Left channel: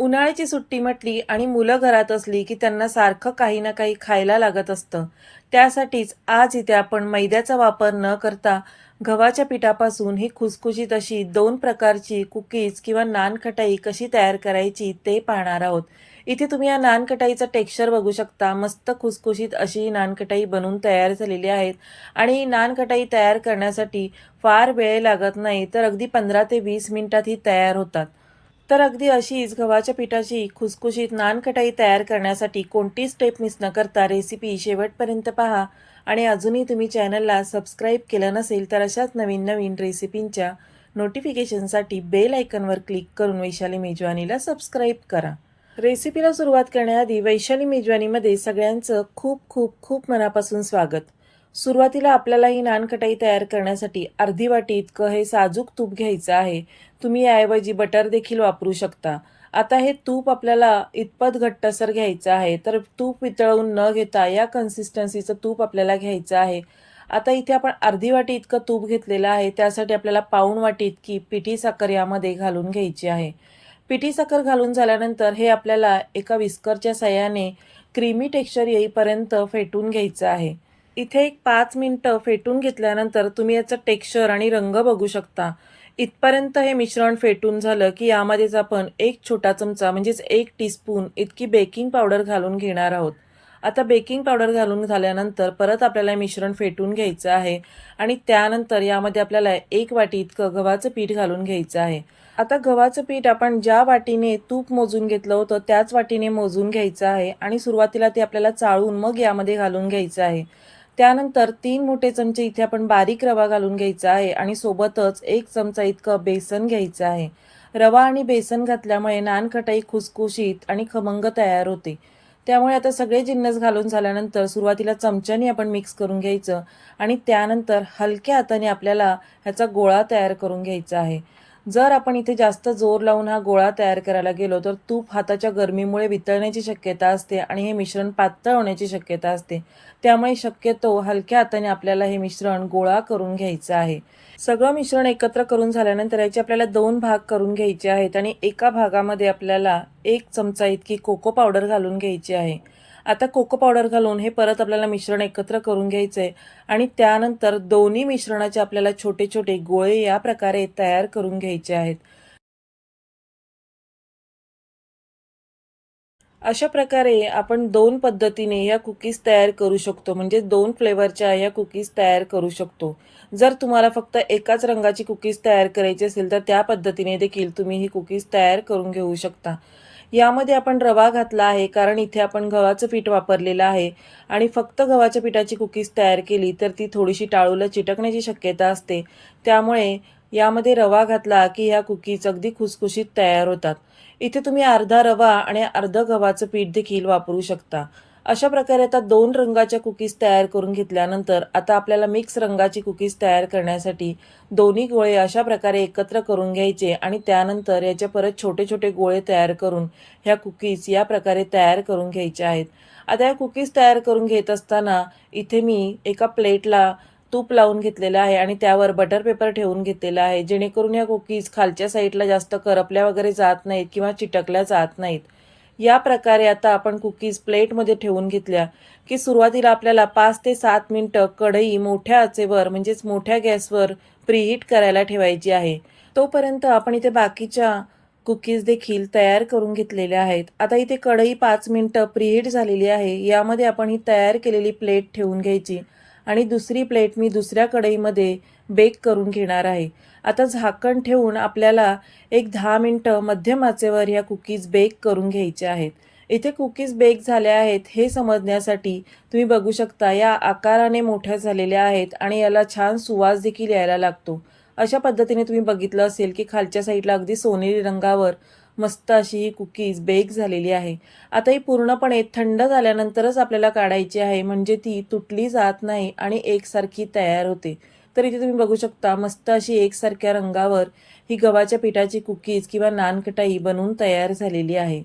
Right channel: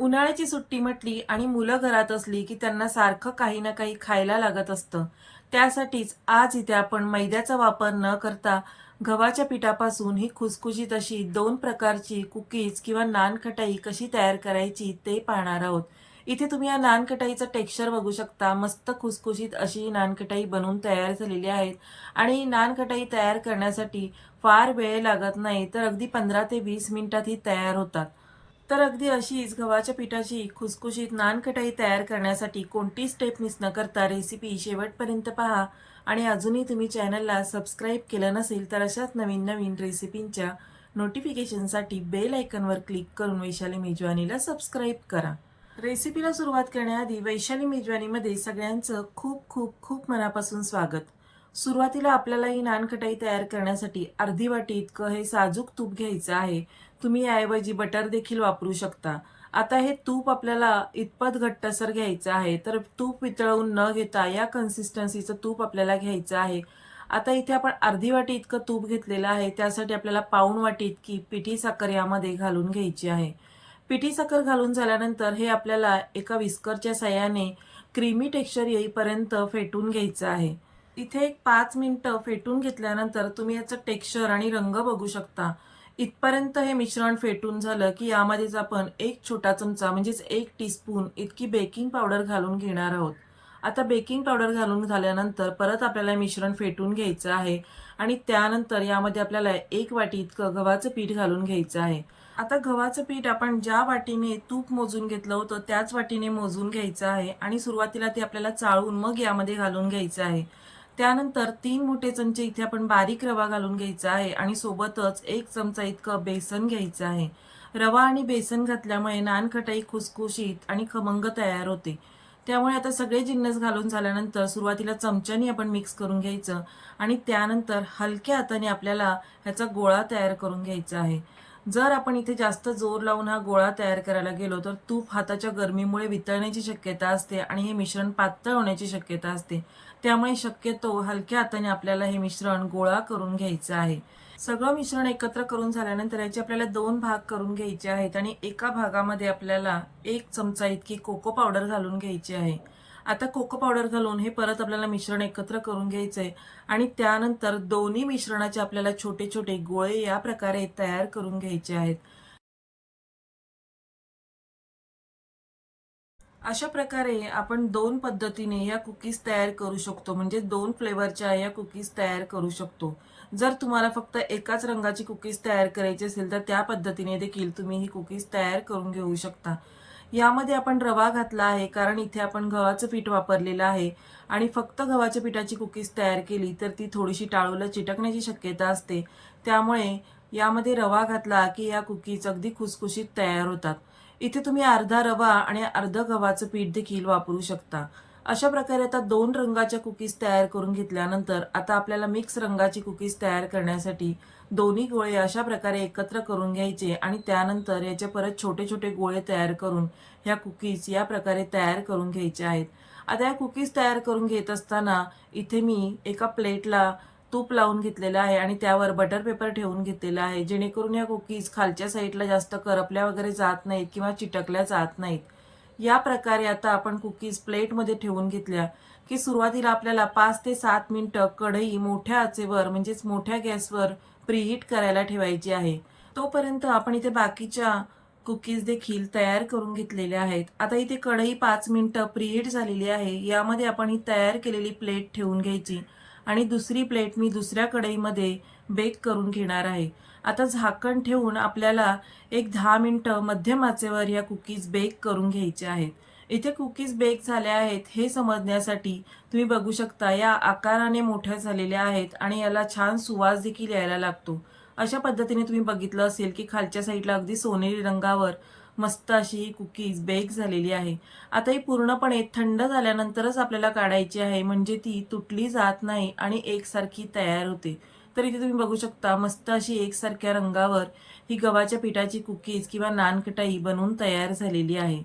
उन्हाळ्याची सुट्टी म्हटली आणि मुलं घरात असली की त्यांना सारखं काही ना काही खायला लागत असतं. त्यासाठीच आज इथे आपण मैद्याचा वापर न करता गव्हाच्या पिठापासून ही खुसखुशीत अशी 2 प्रकारची कुकीज किंवा नानखटाई कशी तयार करायची ते पाहणार आहोत. इथे तुम्ही या नानखटाईचं टेक्स्चर बघू शकता. मस्त खुसखुशीत अशी ही नानखटाई बनून तयार झालेली आहेत आणि नानखटाई तयार करण्यासाठी फार वेळ लागत नाही, तर अगदी 15 ते 20 मिनिटात ही तयार होतात. तर अगदी अशीच गव्हाच्या पिठाची खुसखुशीत नानखटाई तयार करण्यासाठी कोणती स्टेप मिस न करता रेसिपी शेवटपर्यंत पहा आणि अजूनही तुम्ही चॅनलला सबस्क्राईब केलं नसेल तर अशाच नवीन नवीन रेसिपींच्या नोटिफिकेशनसाठी बेल आयकॉनवर क्लिक करून वैशाली मेजवानीला सबस्क्राईब करा. रेसिपीला सुरुवात करण्याआधी वैशाली मेजवानीमध्ये सगळ्यांचं खूप खूप खूप मनापासून स्वागत. सुरुवातीला आपल्याला ही नानखटाई तयार करण्यासाठी अर्धी वाटी इतकं हे साजूक तूप घ्यायचं आहे. तुम्ही याऐवजी बटर देखील वापरू शकता. आता हे तूप आपल्याला इतपत घट्टसर घ्यायचं आहे, तर तूप वितळवून न घेता या कन्सिस्टन्सीचं तूप आपल्याला घ्यायचं आहे. आता इथे आपण अर्धी वाटी इतकं तूप घेतलेलं आहे, त्यासाठी आपल्याला पाऊण वाटी इतकी पिठी साखर यामध्ये घालून घ्यायची आहे. पिठी साखर घालून झाल्यानंतर हे आपल्याला एका विस्करच्या साहाय्याने क्रीमी टेक्स्चर येईपर्यंत फेटून घ्यायचं आहे. इथे एक 5 मिनिटं फेटून घेतल्यानंतर तुम्ही याचं टेक्स्चर आणि रंग बघू शकता. इथपर्यंत हे मिश्रण फेटून झालं की यामध्येच आपण एक छोटा चमचा म्हणजेच 1 टीस्पून इतकी बेकिंग पावडर घालून घेणार आहोत. आता बेकिंग पावडर घालून झाल्यानंतर परत आपल्याला हे मिश्रण फेटून घ्यायचं आहे आणि त्यानंतर यामध्ये आपल्याला 1 वाटी इतकं गव्हाचं पीठ घालून घ्यायचं आहे. आता गव्हाचं पीठ आपण ज्या वाटीने तूप मोजून घेतलं होतं त्याच वाटीने मोजून घ्यायचं आहे आणि सुरुवातीला ते आपल्याला चाळून मग यामध्ये घालून घ्यायचं आहे. त्यानंतर 3 मोठे चमचे इथे आपण बारीक रवा घालून घ्यायचा आहे आणि सोबतच 1 चमचा इतकं बेसन घ्यायचं आहे. रवा आणि बेसन घातल्यामुळे नानखटाई खुसखुशीत आणि खमंग तयार होते. त्यामुळे आता सगळे जिन्नस घालून झाल्यानंतर सुरुवातीला चमच्याने आपण मिक्स करून घ्यायचं आणि त्यानंतर हलक्या हाताने आपल्याला ह्याचा गोळा तयार करून घ्यायचा आहे. जर आपण इथे जास्त जोर लावून हा गोळा तयार करायला गेलो तर तूप हाताच्या गरमीमुळे वितळण्याची शक्यता असते आणि हे मिश्रण पातळ होण्याची शक्यता असते. त्यामुळे शक्यतो हलक्या हाताने आपल्याला हे मिश्रण गोळा करून घ्यायचं आहे. सगळं मिश्रण एकत्र करून झाल्यानंतर याचे आपल्याला 2 भाग करून घ्यायचे आहेत आणि एका भागामध्ये आपल्याला 1 चमचा इतकी कोको पावडर घालून घ्यायची आहे. आता कोको पावडर घालून हे परत आपल्याला मिश्रण एकत्र करून घ्यायचंय आणि त्यानंतर दोन्ही मिश्रणाचे आपल्याला छोटे छोटे गोळे या प्रकारे तयार करून घ्यायचे आहेत. अशा प्रकारे आपण 2 पद्धतीने ह्या कुकीज तयार करू शकतो. म्हणजे 2 फ्लेवरच्या ह्या कुकीज तयार करू शकतो. जर तुम्हाला फक्त एकाच रंगाची कुकीज तयार करायची असेल, तर त्या पद्धतीने देखील तुम्ही ही कुकीज तयार करून घेऊ शकता. यामध्ये आपण रवा घातला आहे, कारण इथे आपण गव्हाचं पीठ वापरलेलं आहे आणि फक्त गव्हाच्या पिठाची कुकीज तयार केली, तर ती थोडीशी टाळूला चिटकण्याची शक्यता असते. त्यामुळे यामध्ये रवा घातला, की ह्या कुकीज अगदी खुसखुशीत तयार होतात. इथे तुम्ही अर्धा रवा आणि अर्धं गव्हाचं पीठ देखील वापरू शकता. अशा प्रकारे आता 2 रंगाच्या कुकीज तयार करून घेतल्यानंतर आता आपल्याला मिक्स रंगाची कुकीज तयार करण्यासाठी दोन्ही गोळे अशा प्रकारे एकत्र करून घ्यायचे आणि त्यानंतर याचे परत छोटे छोटे गोळे तयार करून ह्या कुकीज या प्रकारे तयार करून घ्यायच्या आहेत. आता या कुकीज तयार करून घेत असताना इथे मी एका प्लेटला तूप लावून घेतलेलं आहे आणि त्यावर बटर पेपर ठेवून घेतलेला आहे, जेणेकरून या कुकीज खालच्या साईडला जास्त करपल्या वगैरे जात नाहीत किंवा चिटकल्या जात नाहीत. या प्रकारे आता आपण कुकीज प्लेटमध्ये ठेवून घेतल्या की सुरुवातीला आपल्याला 5 ते 7 मिनिटं कढई मोठ्या आचेवर म्हणजेच मोठ्या गॅसवर प्रीहीट करायला ठेवायची आहे. तोपर्यंत आपण इथे बाकीच्या कुकीज देखील तयार करून घेतलेल्या आहेत. आता इथे कढई 5 मिनिटं प्रीहीट झालेली आहे. यामध्ये आपण ही तयार केलेली प्लेट ठेवून घ्यायची आणि दुसरी प्लेट मी दुसऱ्या कढईमध्ये बेक करून घेणार आहे. आता झाकण ठेवून आपल्याला एक 10 मिनिटं मध्यम आचेवर या कुकीज बेक करून घ्यायच्या आहेत. इथे कुकीज बेक झाल्या आहेत हे समजण्यासाठी तुम्ही बघू शकता या आकाराने मोठ्या झालेल्या आहेत आणि याला छान सुवास देखील यायला लागतो. अशा पद्धतीने तुम्ही बघितलं असेल की खालच्या साईडला अगदी सोनेरी रंगावर मस्त अशी ही कुकीज बेक झालेली आहे. आता ही पूर्णपणे थंड झाल्यानंतरच आपल्याला काढायची आहे, म्हणजे ती तुटली जात नाही आणि एकसारखी तयार होते. तर इथे तुम्ही बघू शकता मस्त अशी एकसारख्या रंगावर ही गव्हाच्या पिठाची कुकीज किंवा नानकटाई बनवून तयार झालेली आहे.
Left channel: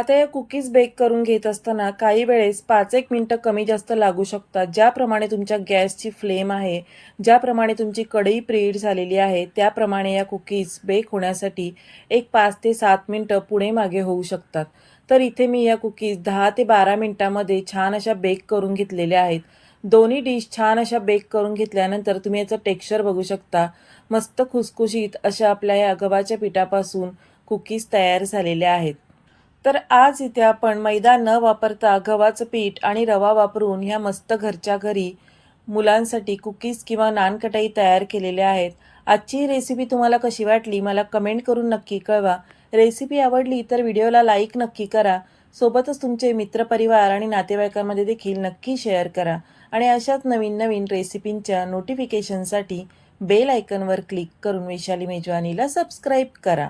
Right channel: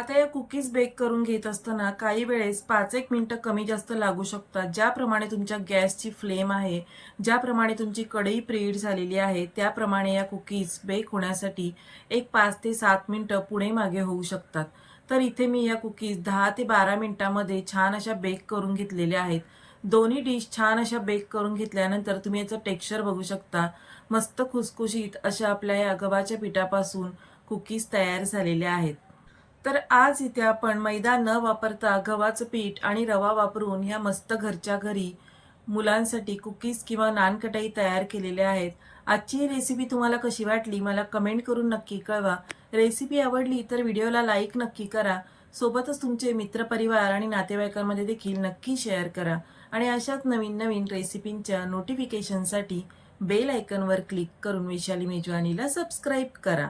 आता या कुकीज बेक करून घेत असताना काही वेळेस 5-1 मिनिटं कमी जास्त लागू शकतात. ज्याप्रमाणे तुमच्या गॅसची फ्लेम आहे, ज्याप्रमाणे तुमची कढई प्रीहीट झालेली आहे, त्याप्रमाणे या कुकीज बेक होण्यासाठी एक 5 ते 7 मिनिटं पुढे मागे होऊ शकतात. तर इथे मी या कुकीज 10 ते 12 मिनिटांमध्ये छान अशा बेक करून घेतलेल्या आहेत. दोन्ही डिश छान अशा बेक करून घेतल्यानंतर तुम्ही याचं टेक्स्चर बघू शकता. मस्त खुसखुशीत अशा आपल्या या गव्हाच्या पिठापासून कुकीज तयार झालेल्या आहेत. तर आज इथे आपण मैदा न वापरता गव्हाचं पीठ आणि रवा वापरून ह्या मस्त घरच्या घरी मुलांसाठी कुकीज किंवा नानकटाई तयार केलेल्या आहेत. आजची ही रेसिपी तुम्हाला कशी वाटली मला कमेंट करून नक्की कळवा. रेसिपी आवडली तर व्हिडिओला लाईक नक्की करा. सोबतच तुमचे मित्रपरिवार आणि नातेवाईकांमध्ये देखील नक्की शेअर करा. आणि अशाच नवीन नवीन रेसिपींच्या नोटिफिकेशनसाठी बेल आयकॉनवर क्लिक करून वैशाली मेजवानीला सबस्क्राईब करा.